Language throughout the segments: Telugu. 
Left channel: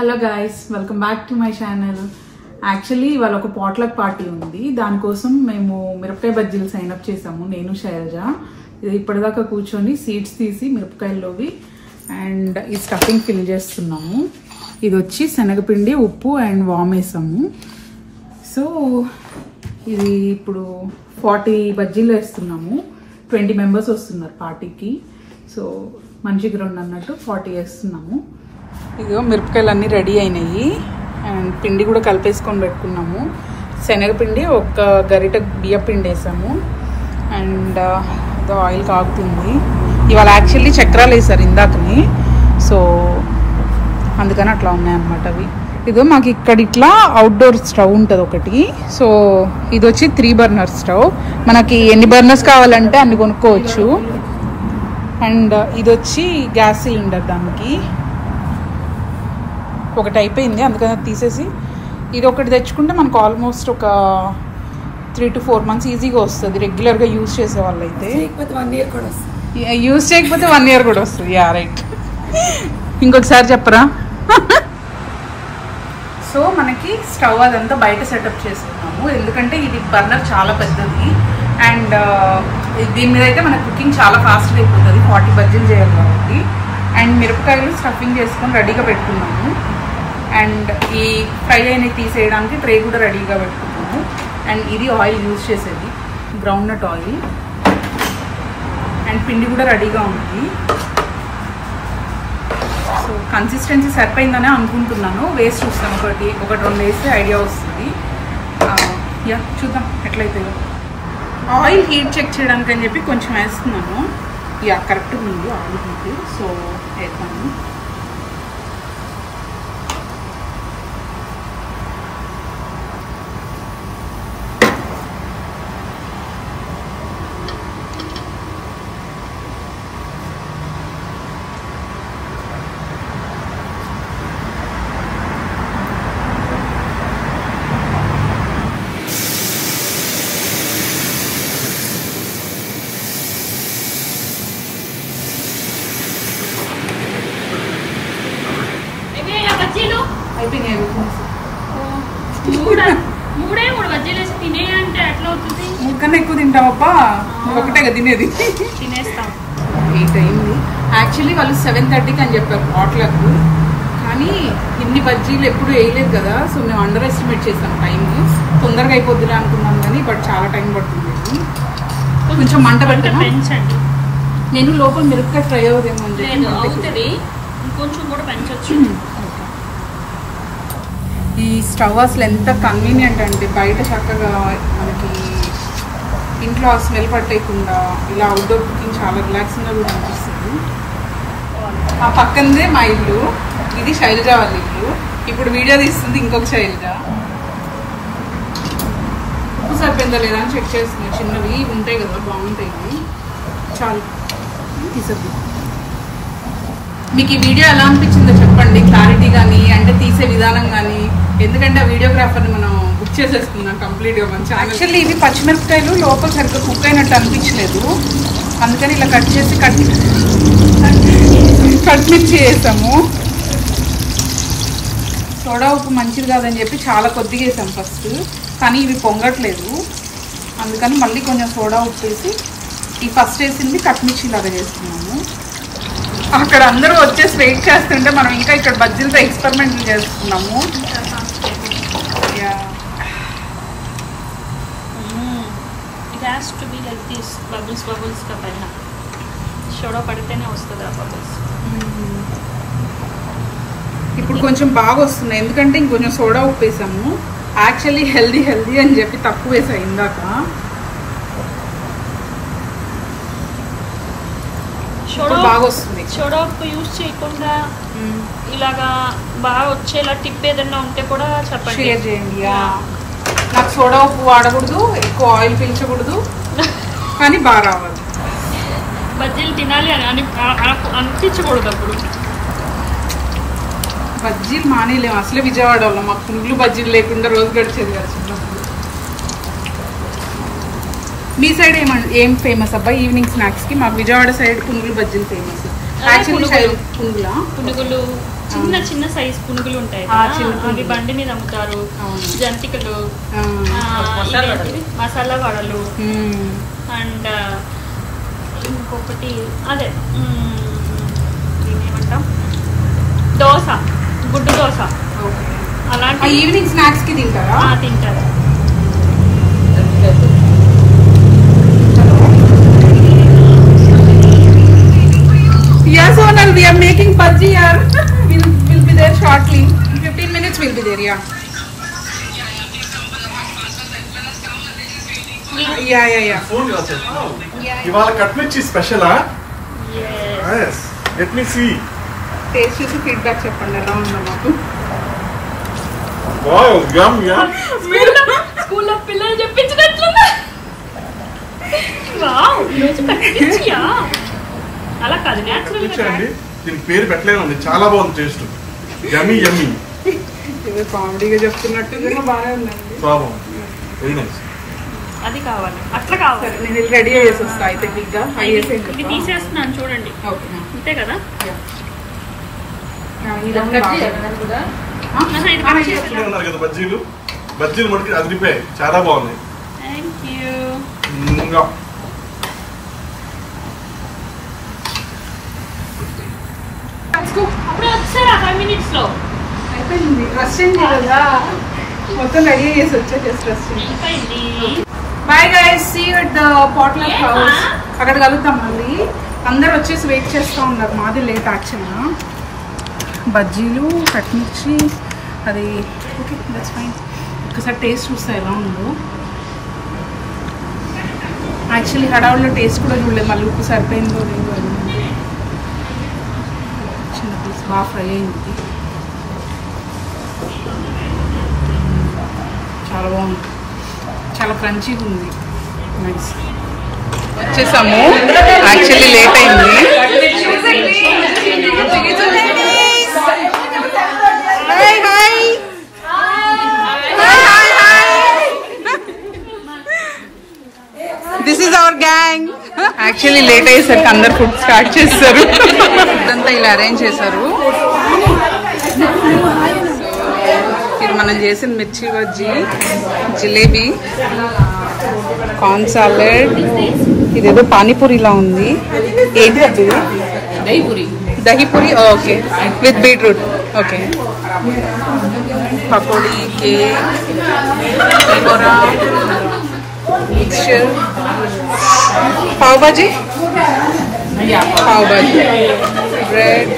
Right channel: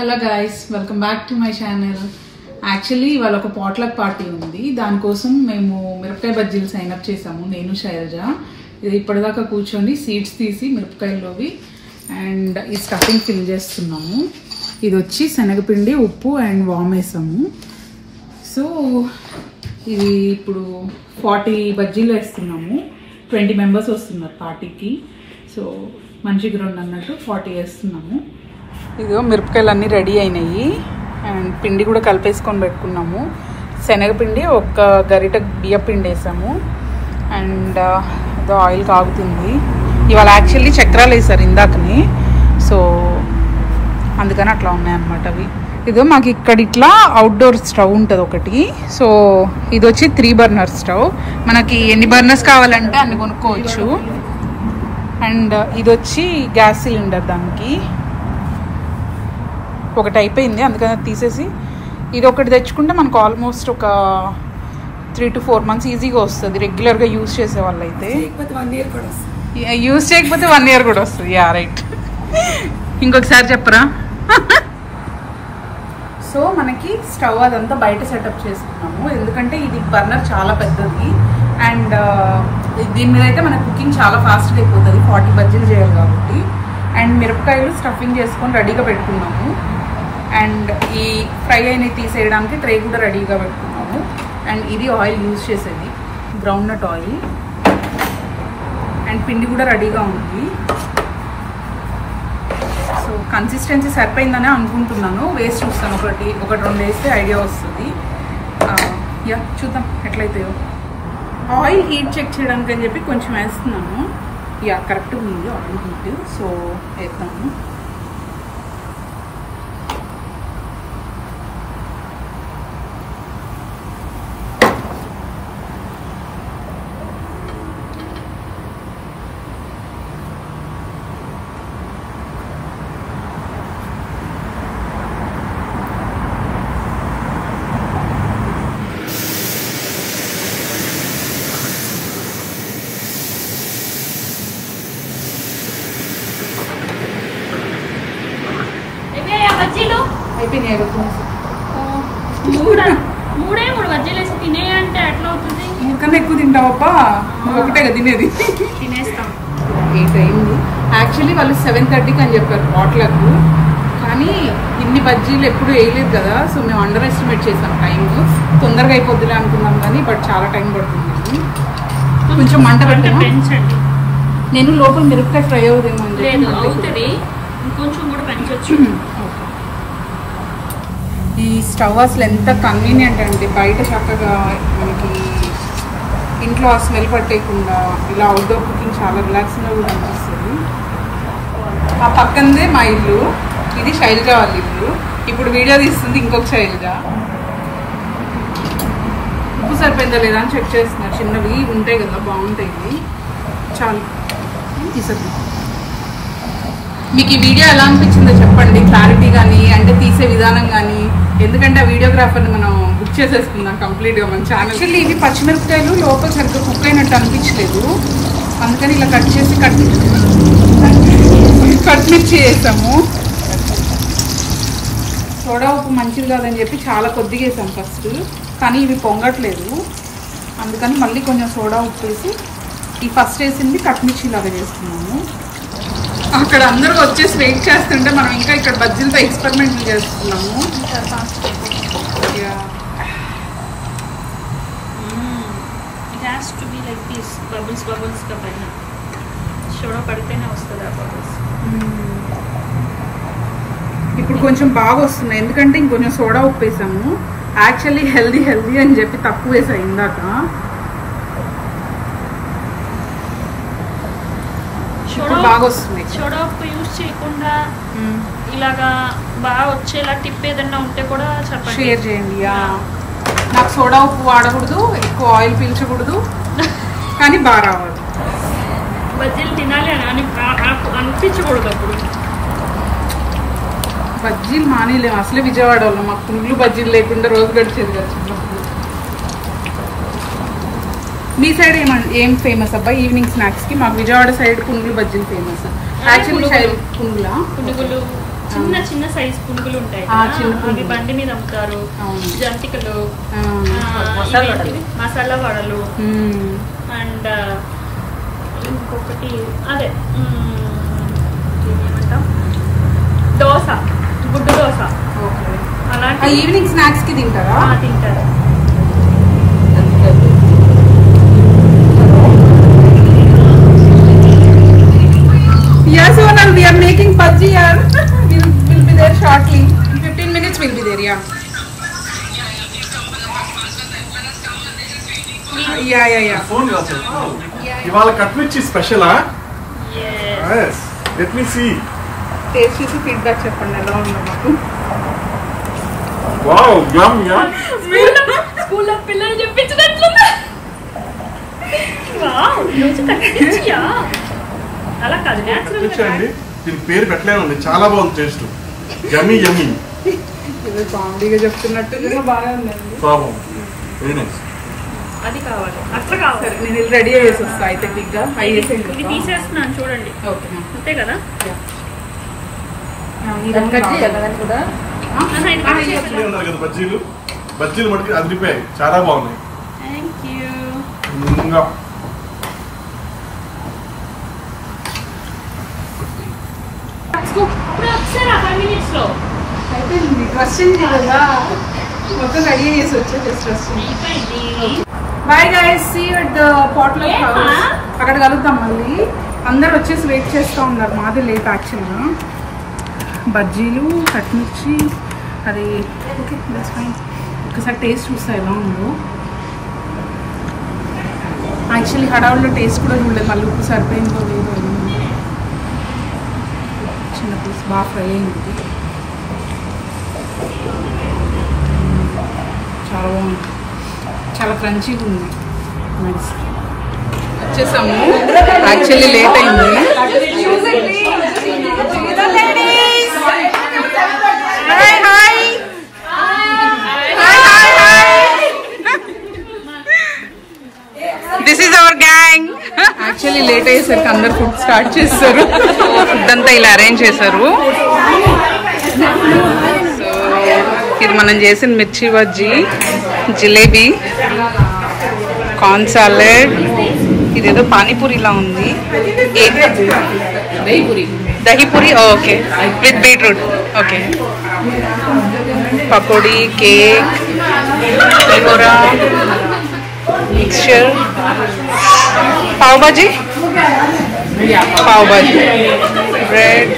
Hello guys, welcome back to my channel. Actually ఇవాళ ఒక పాట్లక్ పార్టీ ఉంది. దానికోసం మేము మిరపకాయ బజ్జీలు సైన్ అప్ చేసాము, నేను శైలజ. ఇది ఇప్పటిదాకా కూర్చొని సీడ్స్ తీసి మిరపకాయల్లోవి అండ్ ఈ స్టఫింగ్ ఫిల్ చేస్తున్నాము. ఇది వచ్చి శనగపిండి, ఉప్పు అండ్ వామ్ వేసాము. సో ఇది ఇప్పుడు 40 బజ్జీలు వేస్తున్నాము. 20 మెంబర్స్ వస్తున్నారు పార్టీకి. సో మంచిగా రెండు అన్నట్టు 40 వేస్తున్నాము. ఇదిగో మిరపకాయలు అన్నీ రెడీ అయినాయి అండ్ పిండి కూడా కలిపేసుకొని పెట్టుకున్నాము. శనగపిండి ఒక గరిట బియ్య పిండి వేసాము అండ్ ఏదో ఆయిల్ కాగుతుంది. ఇవాళ యాక్చువల్లీ చక్రాలు వేసారు ఇందాకని, సో అందుకని అట్లా ఉన్నాయన్నమాట అవి. ఇదో మాకు ఇక్కడ ఇట్లా అవుట్డోర్ స్టవ్ ఉంటుంది ఒకటి. సో ఇది వచ్చి 3 బర్నర్ స్టవ్. మనకి ఎన్ని బర్నర్స్ కావాలంటే అన్ని కొనుక్కోవచ్చు. అండ్ ఇది వచ్చి గ్యాస్ సిలిండర్. దానికి ఒకటి అయిపోయింది, అందుకని తీసేసి ఇది ఒకటి తెచ్చుకుంటే మనకు ఆల్మోస్ట్ ఒక 3 to 4 months ఈజీగా వస్తుంది రెగ్యులర్గా యూజ్ చేసే వాళ్ళు అయితే. యూజ్ చేయకపోతే 1 year కూడా వస్తుంది. Yeah right. ఇంకొకసారి చెప్పరా. సో మనకి స్టవ్ అదంతా బయట సెటప్ చేసుకున్నాము, ఎందుకంటే ఇది బర్నర్ చాలా పెద్దది అండ్ దీని మీద అయితే మన కుకింగ్ చాలా ఫాస్ట్గా అయిపోతుంది. 40 బజ్జీలు చేయాలి కాబట్టి. అండ్ మిరపకాయలు స్టఫింగ్ చేసుకొని రెడీగా పెట్టుకున్నాము. అండ్ ఈ ఫ్రై అయినవి తీసేయడానికి ట్రే కూడా రెడీగా పెట్టుకున్నాము. అండ్ ఇది ఆయిల్ యూజ్ చేసేది, గ్రౌండ్ నట్ ఆయిల్. అండ్ పిండి కూడా రెడీగా ఉంది. సో కన్సిస్టెన్సీ సరిపోయిందనే అనుకుంటున్నాను. వేసి చూస్తాను, ఒకటి 2 వేస్తే ఐడియా వస్తుంది. యా చూద్దాం ఎట్లయితాయో. ఆయిల్ హీట్ చెక్ చేయడానికి అని చెప్పి కొంచెం వేస్తున్నాము. యా కరెక్ట్గా ఉంది ఆయిల్ హీట్. సో వేస్తాము. అయిపోయినాయి. 3 బజ్జీలు వేసి తినే అంటే ఎట్లా అవుతుంది? 3 కన్నా ఎక్కువ తింటావప్పా, నువ్వు ఒకటేగా తినేది. తినేస్తాం. 8 అయింది. యాక్చువల్లీ వాళ్ళు 7:30కి అని చెప్పారు పాట్లకు, కానీ ఇన్ని బజ్జీలు ఎప్పుడు వేయలేదు కదా. సో మేము అండర్ ఎస్టిమేట్ చేసాం టైం. తొందరగా అయిపోద్దిలే అనుకున్నాం కానీ బట్ చాలా టైం పడుతుంది. కొంచెం మంట పెట్టండి. నేను లోపల మిరపకాయ ఫ్రై అవుదేమో అని చెప్పి ఇంకొంచెం కూడా పెంచవచ్చు. ఈ స్టవ్ అసలు ఎంత కన్వీనియంట్ అంటే, బయట చక్కగా మనకి ఇంట్లో ఆ స్మెల్ పట్టేయకుండా ఇలా అవుట్డోర్ కుకింగ్ చాలా రిలాక్సింగ్గా కూడా అనిపిస్తుంది. ఆ పక్కనదే మా ఇల్లు, ఇది శైలజ వాళ్ళ ఇల్లు. ఇప్పుడు వీడియో తీస్తుంది ఇంకొక శైలజ. ఉప్పు సరిపోయిందా లేదా అని చెక్ చేస్తున్నా. చిన్నవి ఉంటాయి కదా, బాగుంటాయి. చాలు తీసద్దు. మీకు ఈ వీడియో ఎలా అనిపించిందో చెప్పండి, క్లారిటీ కానీ అంటే తీసే విధానం కానీ. ఎందుకంటే ఆ వీడియోగ్రాఫర్ని మనం బుక్ చేసేసుకుందాం కంప్లీట్గా మన ఛానల్. యాక్చువల్లీ ఇవి పచ్చిమిరపకాయలు లోపల సరిగ్గా కుక్ అయినట్టు అనిపించలేదు, అందుకని ఇలా కట్ చేసి కట్మిర్చి వేసాము. సోడా ఉప్పు మంచిది కాదని చెప్పి చాలా కొద్దిగా వేసాం ఫస్ట్, కానీ ఇవి పొంగట్లేదు. అందుకని మళ్ళీ కొంచెం సోడా ఉప్పు వేసి ఈ ఫస్ట్ వేసింది కట్మిర్చి లాగా చేస్తున్నాము. అక్కడ అందరూ వచ్చేసి వెయిట్ చేస్తుంటే మనం ఇంకా ఇక్కడ బజ్జీలతో ఎక్స్పెరిమెంట్ చేస్తున్నాము. ఇప్పుడు కొంచెం బాగా వస్తున్నాయి, ఎందుకంటే ఇంకొంచెం సోడా ఉప్పు వేసాము. యాక్చువల్లీ హెల్దీ అని చెప్పి తక్కువ వేసాయి ఇందాక. ఇప్పుడు బాగా వస్తుంది. సోడా ఉప్పు యూజ్ చేయకుండా ఇలాగా బాగా వచ్చేలా టిప్ ఏదన్నా ఉంటే కూడా షేర్ చేయండి. నాకు సోడా ఉప్పు వాడకూడదు, ఎక్కువ ఆయిల్ పీల్చకూడదు, కానీ బాగా రావాలి. బజ్జీలు తినాలి అని అనిపించకూడదు. అప్పుడు బజ్జీలు మానేలేము. అసలే విజయవాడ వాళ్ళం, మాకు పునుగులు బజ్జీలు లేకుండా రోజు గడిచేది కదా చిన్నప్పుడు. మీ సైడ్ ఏం ఫేమస్ అబ్బా ఈవినింగ్ స్నాక్స్ కి? మాకు విజయవాడ సైడ్ పునుగులు బజ్జీలు ఫేమస్. యాక్చువల్లీ పునుగులా? పునుగులు చిన్న చిన్న సైజ్ పునుగులు ఉంటాయి అవి బండి మీద అమ్ముతారు. జంతికలు, మసాలా వడలు, అండ్ ఇంకొకటి అదే ఏమంటాం దోశ, గుడ్డు దోశ. అలాంటి ఈవినింగ్ స్నాక్స్ కి తింటారా? తింటారు. Yes, Sonal, we are making bhaji here. We'll be there shortly. In 15 minutes we'll be there, yeah. Yeah. Ivala katmichi special, huh? Yes. Let me see. Taste చూసి ఫీడ్బ్యాక్ చెప్పండి ఎలా ఉందో మాకు. Wow, yum. స్కూల్లో పిల్లలు చెప్పించినట్లుందా? వావ్, రోజు కట్టించియా? అలా కాదు, నేచురల్ గా. దీని పేరు పెట్టలేను, చాలా బాగుంది టేస్ట్. యమ్మీ. ఇది కామెడీగా చెప్తున్నట్టు నిజంగా బాగానే ఉందండి. బాగుంది. Very nice. అది కావాలి, అట్లా కావాలి. నేను రెడీ చేసి వస్తా అయితే బిగ్గా. ఇవి తీసేస్తున్నాను చూడండి. అంతే కదా? ఉన్నారు కదా బజ్జీలు మటుకు అదిరిపోయాయి, చాలా బాగున్నాయి. అయిపోయింది. ట్రస్టింగ్ కదా, మొత్తం రెడీ చేసి వచ్చా. Just trusting. Bye guys, see you at the potluck house. అక్కడ కలుగుతాం మళ్ళీ. అందరు వచ్చేసి వెయిట్ చేస్తూ ఉన్నారు. మాది లేట్ యాక్చువల్గా. బజ్జీలు, కట్మిర్చి, అది ఓకే, దట్స్ ఫైన్. ఒకసారి టేస్ట్ చూస్తా ఎలా ఉందో. యాక్చువల్లీ హడావుల్లో టేస్ట్ కూడా చూడలేదు, మళ్ళీ ఉప్పు సరిపోయిందో లేదో. చిన్న పీస్ బాగా ఫ్రై అయింది, చాలా బాగుంది, చాలా క్రంచీగా ఉంది. నైస్. వచ్చేసాము, యాక్చువల్లీ లేట్ అయింది. This is our gang. Actually late అయ్యేసరికి అందరు ఫుడ్ స్టార్ట్ చేస్తారు. ఫుడ్ అంతా ఇలా అరేంజ్ చేశారు. ఇది మనం చేసిన మిర్చి బజ్జీ, జిలేబీ, కార్న్ సాలెడ్, ఇదేదో పానీపూరిలా ఉంది. Dahi puri okay, with beetroot. Okay, pakodi, cake, pulihora, mixture, pav bhaji, bread,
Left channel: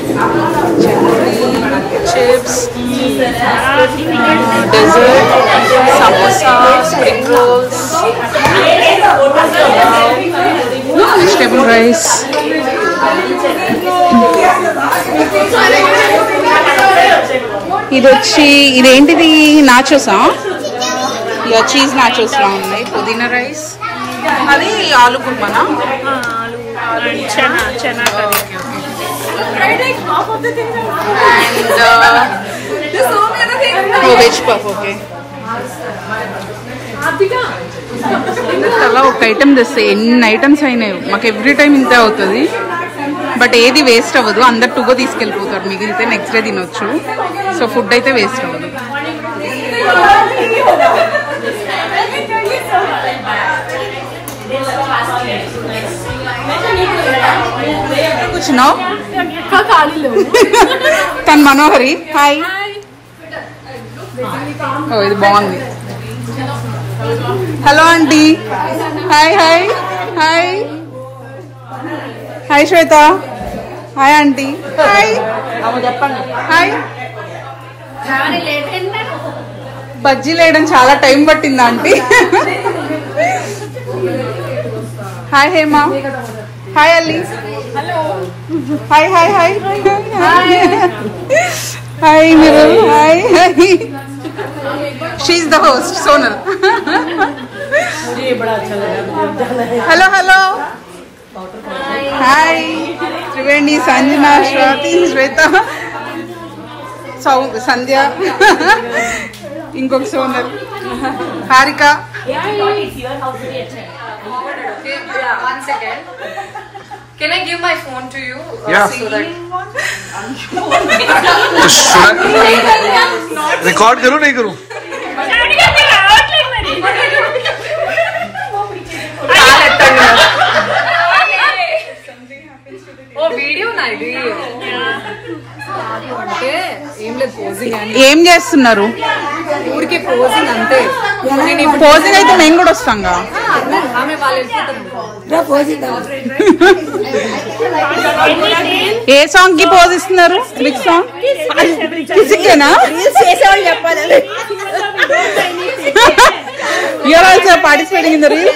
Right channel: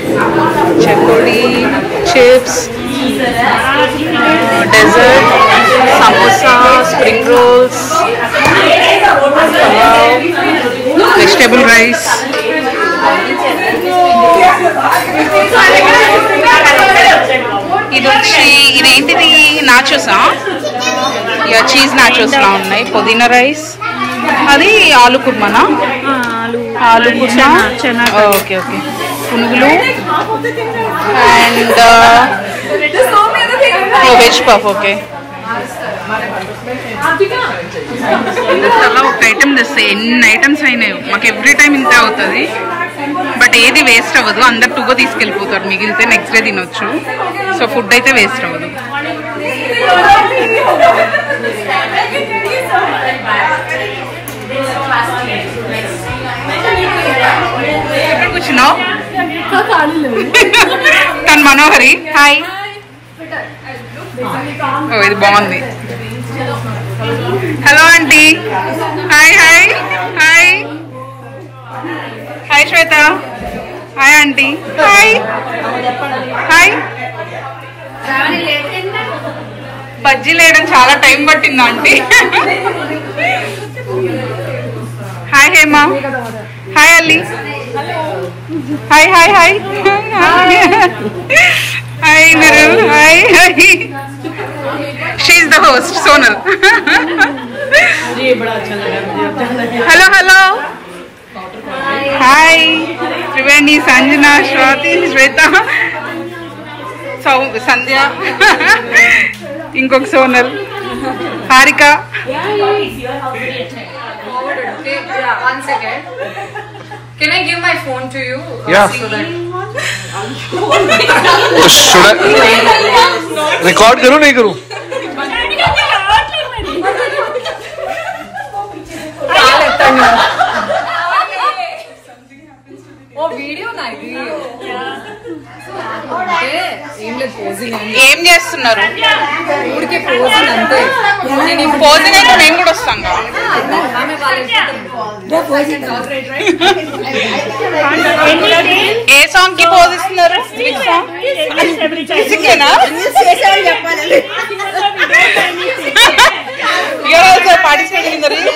chakodi, chips, dessert, samosa, spring rolls, vegetable rice. ఇది వచ్చి ఇదేంటిది, నాచోసా? ఇక చీజ్ నాచోస్ లా ఉన్నాయి. పుదీనా రైస్, అది ఆలు కుర్మానా? Aloo kurma, okay okay. And veg puff. Okay, అలా ఒక ఐటమ్ తెస్తే ఎన్ని ఐటమ్స్ అయినాయి. మాకు ఎవ్రీ టైం ఇంతే అవుతుంది, బట్ ఏది వేస్ట్ అవ్వదు. అందరు టుగో తీసుకెళ్ళిపోతారు, మిగిలితే నెక్స్ట్ డే తినొచ్చు. సో ఫుడ్ అయితే వేస్ట్ అవ్వదు. కూర్చున్నావు? తన మనోహరి. హాయ్. ఓ, ఇది బాగుంది. Hello aunty. Hi hi hi hi Shweta. Hi aunty. Hi hi. బజ్జీలు వేయడం చాలా టైం పట్టింది aunty. Hi Hema. Hi Alli. Hi hi hi hi Mirul. Hi hi. She is the host, Sonal. Hello, hello. Hi. Triveni, Sanjana, Shwati, Shweta, Sandhya, Inkok Sonal, Harika. One second. Can I give my phone to you? Yeah. Record करूं नहीं करूं? ఏం చేస్తున్నారు? ఊరికే పోజింగ్ అంతే. పోజింగ్ అయితే మేము కూడా వస్తాం కదా. ఏ సాంగ్ కి పోజ్ ఇస్తున్నారు? You're also participating in the reel?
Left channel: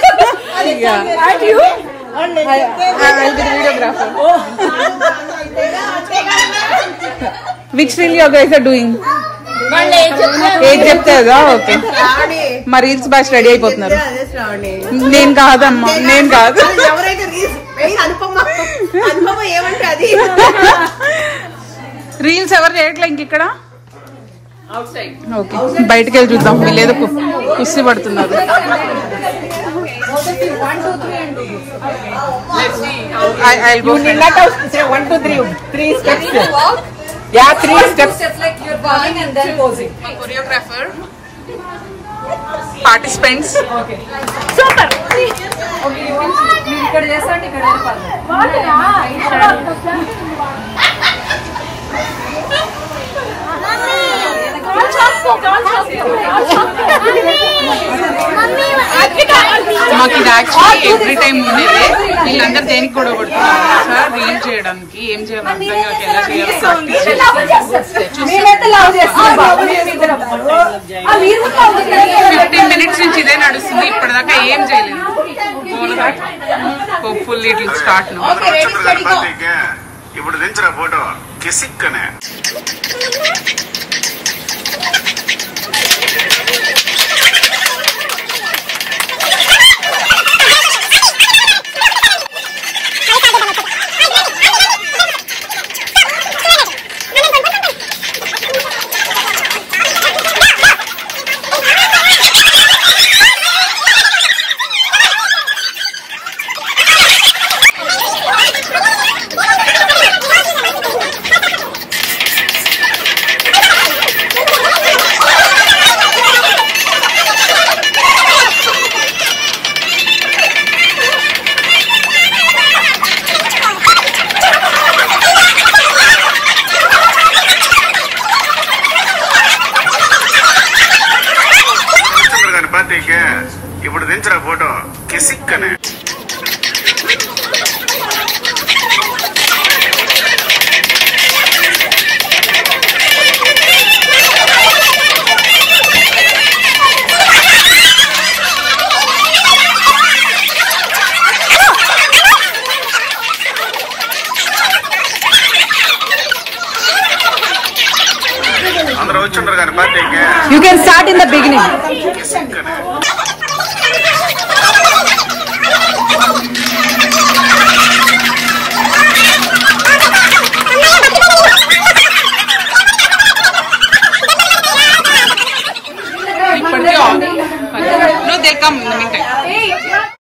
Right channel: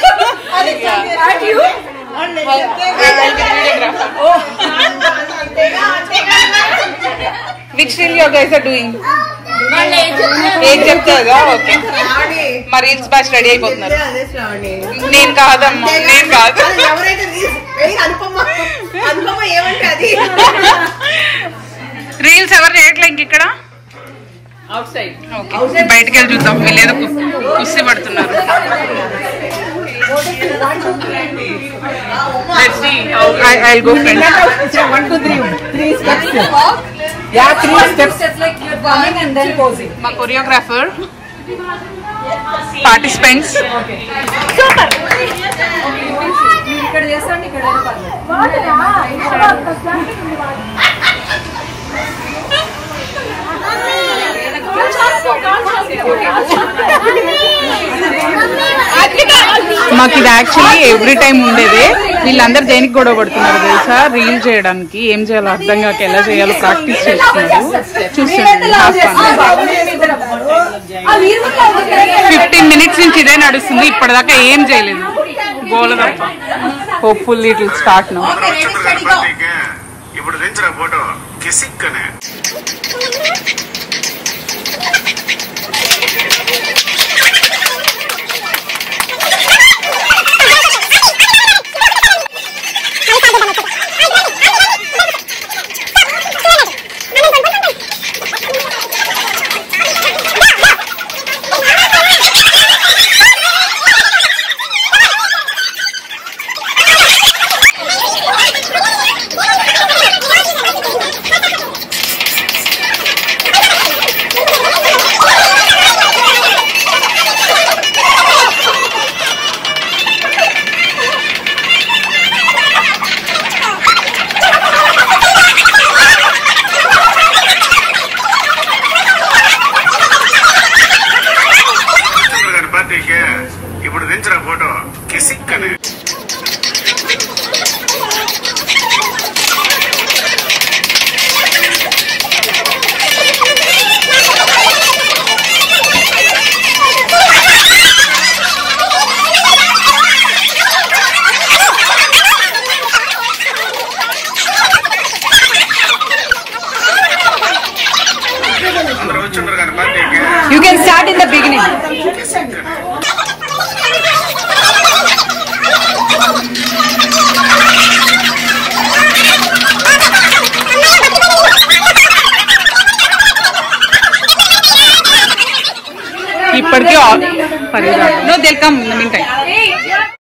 Which reel you guys are doing? ఏం చెప్తారా? ఓకే, మరి రీల్స్ బ్యాచ్ రెడీ అయిపోతున్నారు. నేను కాదమ్మా, నేను కాదు. రీల్స్ ఎవరు చేయట్లే ఇంక ఇక్కడ. ఓకే, బయటకు వెళ్ళి చూద్దాం. వీళ్ళేదో కుస్తీ పడుతున్నారు. I'll go friend. 1, 2, 3 steps. Yeah, 3 steps. Like you're falling and then posing. My choreographer, participants. Super. Okay, ఇక్కడ చేస్తాండి, ఇక్కడ మాకు ఇది యాక్చువల్లీ ఎవ్రీ టైం ఉండేది. వీళ్ళందరూ దేనికి గొడవ పడుతున్నారు తెలుసా? రీల్ చేయడానికి ఏం చేయాలో అర్థం కాక ఎలా చేయాలో ప్రాక్టీస్ చేస్తున్నారు. 15 minutes నుంచి ఇదే నడుస్తుంది. ఇప్పటిదాకా ఏం చేయలేదు. గోలదప్ప. Hopefully it will start now. ఇప్పుడు దించిన ఫోటో కిసిక్కనే. ఇప్పుడు దించిన ఫోటో కిసిక్కనే. అందరూ వచ్చున్నారు కానీ బర్త్డేకి. You can start in the beginning. ఇప్పటికే no they'll come in the meantime.